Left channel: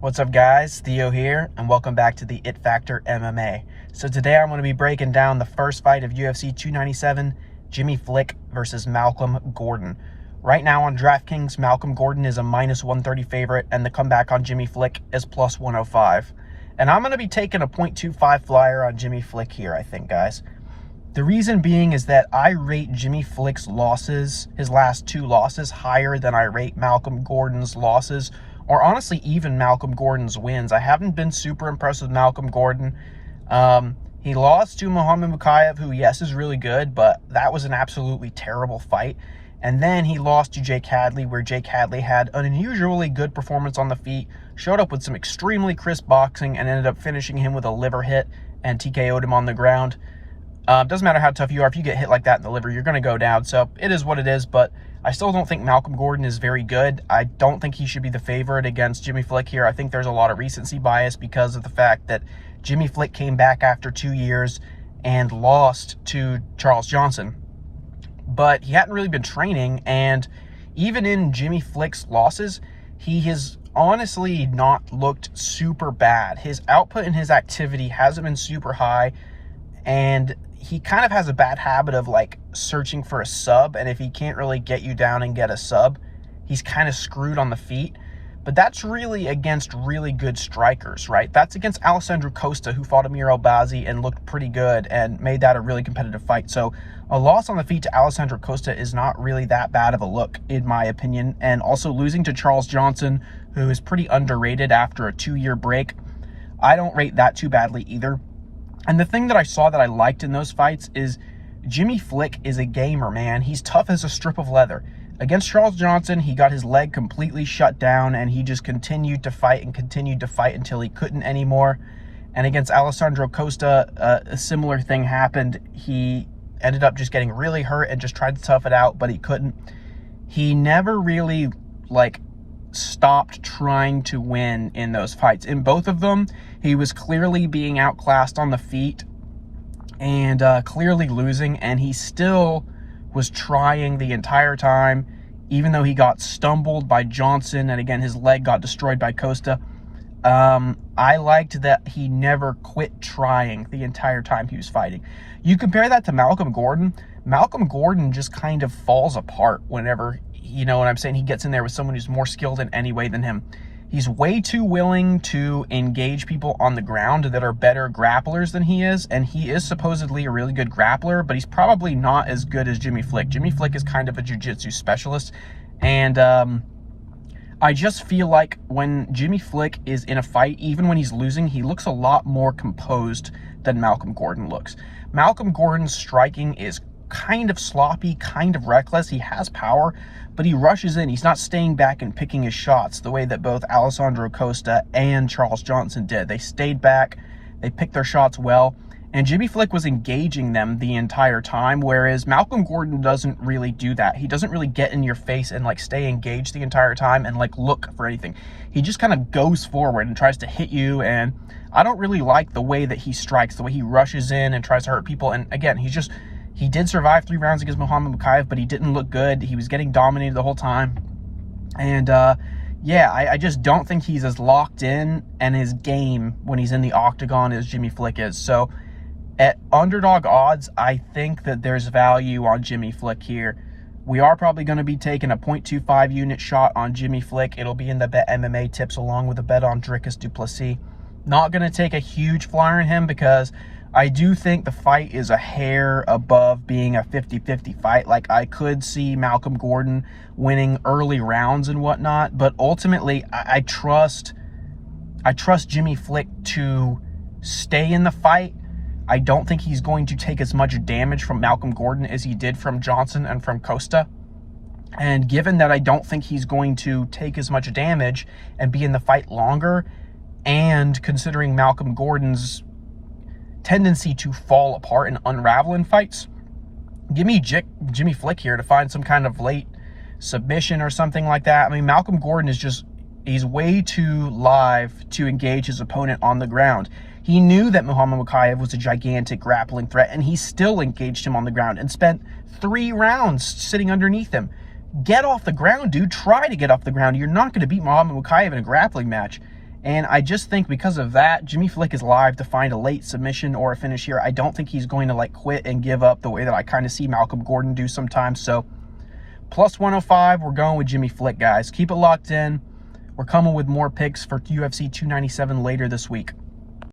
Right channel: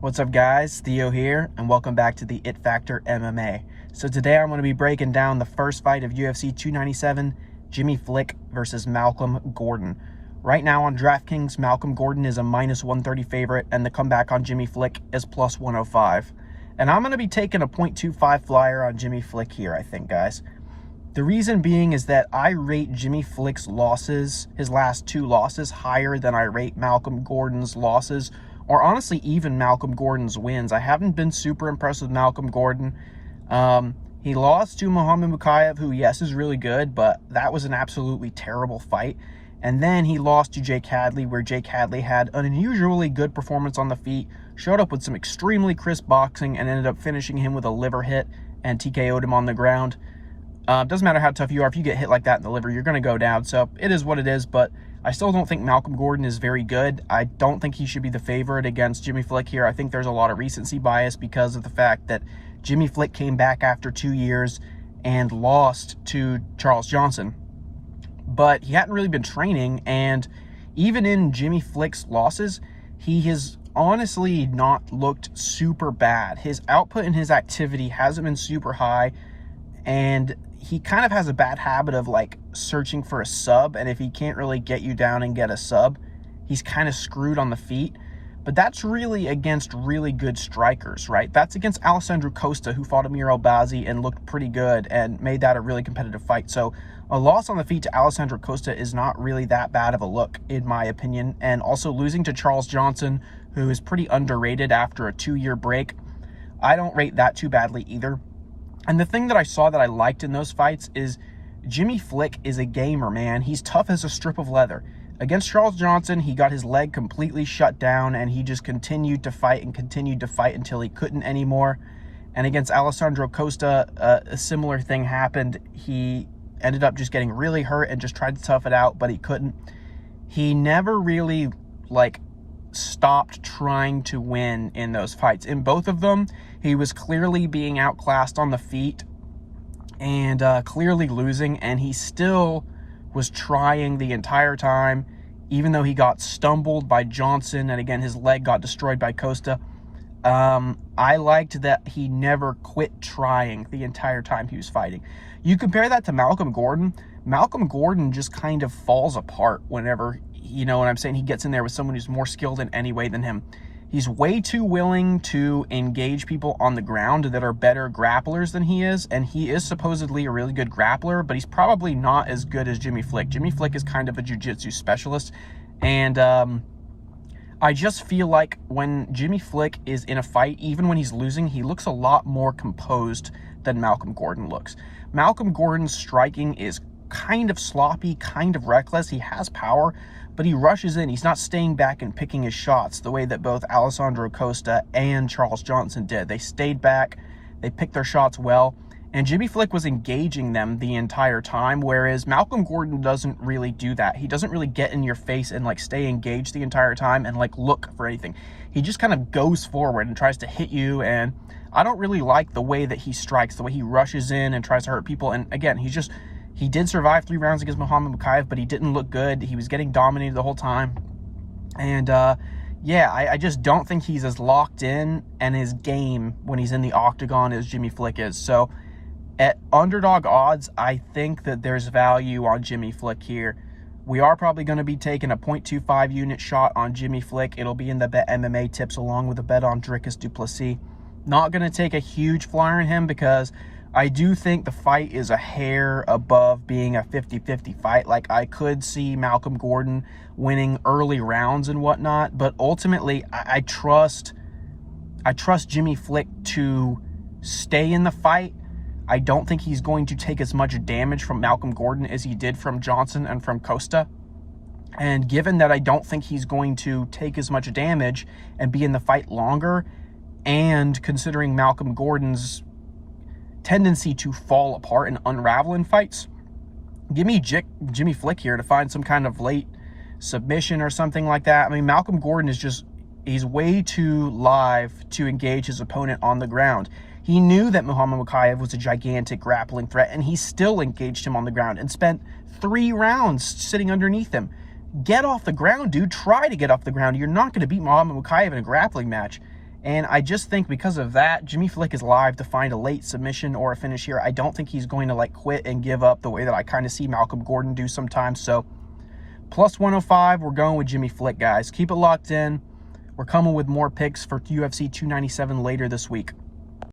What's up, guys? Theo here, and welcome back to the It Factor MMA. So today I'm going to be breaking down the first fight of UFC 297, Jimmy Flick versus Malcolm Gordon. Right now on DraftKings, Malcolm Gordon is a minus 130 favorite, and the comeback on Jimmy Flick is plus 105. And I'm going to be taking a 0.25 flyer on Jimmy Flick here, I think, guys. The reason being is that I rate Jimmy Flick's losses, his last two losses, higher than I rate Malcolm Gordon's losses, or honestly even Malcolm Gordon's wins. I haven't been super impressed with Malcolm Gordon. He lost to Muhammad Mukayev, who, yes, is really good, but that was an absolutely terrible fight. And then he lost to Jake Hadley, where Jake Hadley had an unusually good performance on the feet, showed up with some extremely crisp boxing, and ended up finishing him with a liver hit and TKO'd him on the ground. Doesn't matter how tough you are, if you get hit like that in the liver, you're going to go down. So it is what it is, but I still don't think Malcolm Gordon is very good. I don't think he should be the favorite against Jimmy Flick here. I think there's a lot of recency bias because of the fact that Jimmy Flick came back after 2 years and lost to Charles Johnson. But he hadn't really been training, and even in Jimmy Flick's losses, he has honestly not looked super bad. His output and his activity hasn't been super high, and he kind of has a bad habit of like searching for a sub, and if he can't really get you down and get a sub, he's kind of screwed on the feet. But that's really against really good strikers, right? That's against Alessandro Costa, who fought Amir Albazi and looked pretty good and made that a really competitive fight. So a loss on the feet to Alessandro Costa is not really that bad of a look, in my opinion. And also losing to Charles Johnson, who is pretty underrated after a 2-year break, I don't rate that too badly either. And the thing that I saw that I liked in those fights is Jimmy Flick is a gamer, man. He's tough as a strip of leather. Against Charles Johnson, he got his leg completely shut down, and he just continued to fight until he couldn't anymore. And against Alessandro Costa, a similar thing happened. He ended up just getting really hurt and just tried to tough it out, but he couldn't. He never really, stopped trying to win in those fights. In both of them, he was clearly being outclassed on the feet and clearly losing, and he still was trying the entire time, even though he got stumbled by Johnson, and again, his leg got destroyed by Costa. I liked that he never quit trying the entire time he was fighting. You compare that to Malcolm Gordon. Malcolm Gordon just kind of falls apart whenever, you know what I'm saying, he gets in there with someone who's more skilled in any way than him. He's way too willing to engage people on the ground that are better grapplers than he is, and he is supposedly a really good grappler, but he's probably not as good as Jimmy Flick. Jimmy Flick is kind of a jiu-jitsu specialist, and I just feel like when Jimmy Flick is in a fight, even when he's losing, he looks a lot more composed than Malcolm Gordon looks. Malcolm Gordon's striking is kind of sloppy, kind of reckless. He has power, but he rushes in. He's not staying back and picking his shots the way that both Alessandro Costa and Charles Johnson did. They stayed back, they picked their shots well, and Jimmy Flick was engaging them the entire time, whereas Malcolm Gordon doesn't really do that. He doesn't really get in your face and stay engaged the entire time and look for anything. He just kind of goes forward and tries to hit you, and I don't really like the way that he strikes, the way he rushes in and tries to hurt people. And again, he did survive 3 rounds against Muhammad Mukayev, but he didn't look good. He was getting dominated the whole time. And yeah, I just don't think he's as locked in and his game when he's in the octagon as Jimmy Flick is. So at underdog odds, I think that there's value on Jimmy Flick here. We are probably going to be taking a 0.25 unit shot on Jimmy Flick. It'll be in the Bet MMA tips along with a bet on Dricus du Plessis. Not going to take a huge flyer on him because I do think the fight is a hair above being a 50-50 fight. I could see Malcolm Gordon winning early rounds and whatnot, but ultimately I trust Jimmy Flick to stay in the fight. I don't think he's going to take as much damage from Malcolm Gordon as he did from Johnson and from Costa. And given that I don't think he's going to take as much damage and be in the fight longer, and considering Malcolm Gordon's tendency to fall apart and unravel in fights, give me Jimmy Flick here to find some kind of late submission or something like that. I mean, Malcolm Gordon he's way too live to engage his opponent on the ground. He knew that Muhammad Mukayev was a gigantic grappling threat, and he still engaged him on the ground and spent 3 rounds sitting underneath him. Get off the ground, dude. Try to get off the ground. You're not going to beat Muhammad Mukayev in a grappling match. And I just think because of that, Jimmy Flick is live to find a late submission or a finish here. I don't think he's going to like quit and give up the way that I kind of see Malcolm Gordon do sometimes. So plus 105, we're going with Jimmy Flick, guys. Keep it locked in. We're coming with more picks for UFC 297 later this week.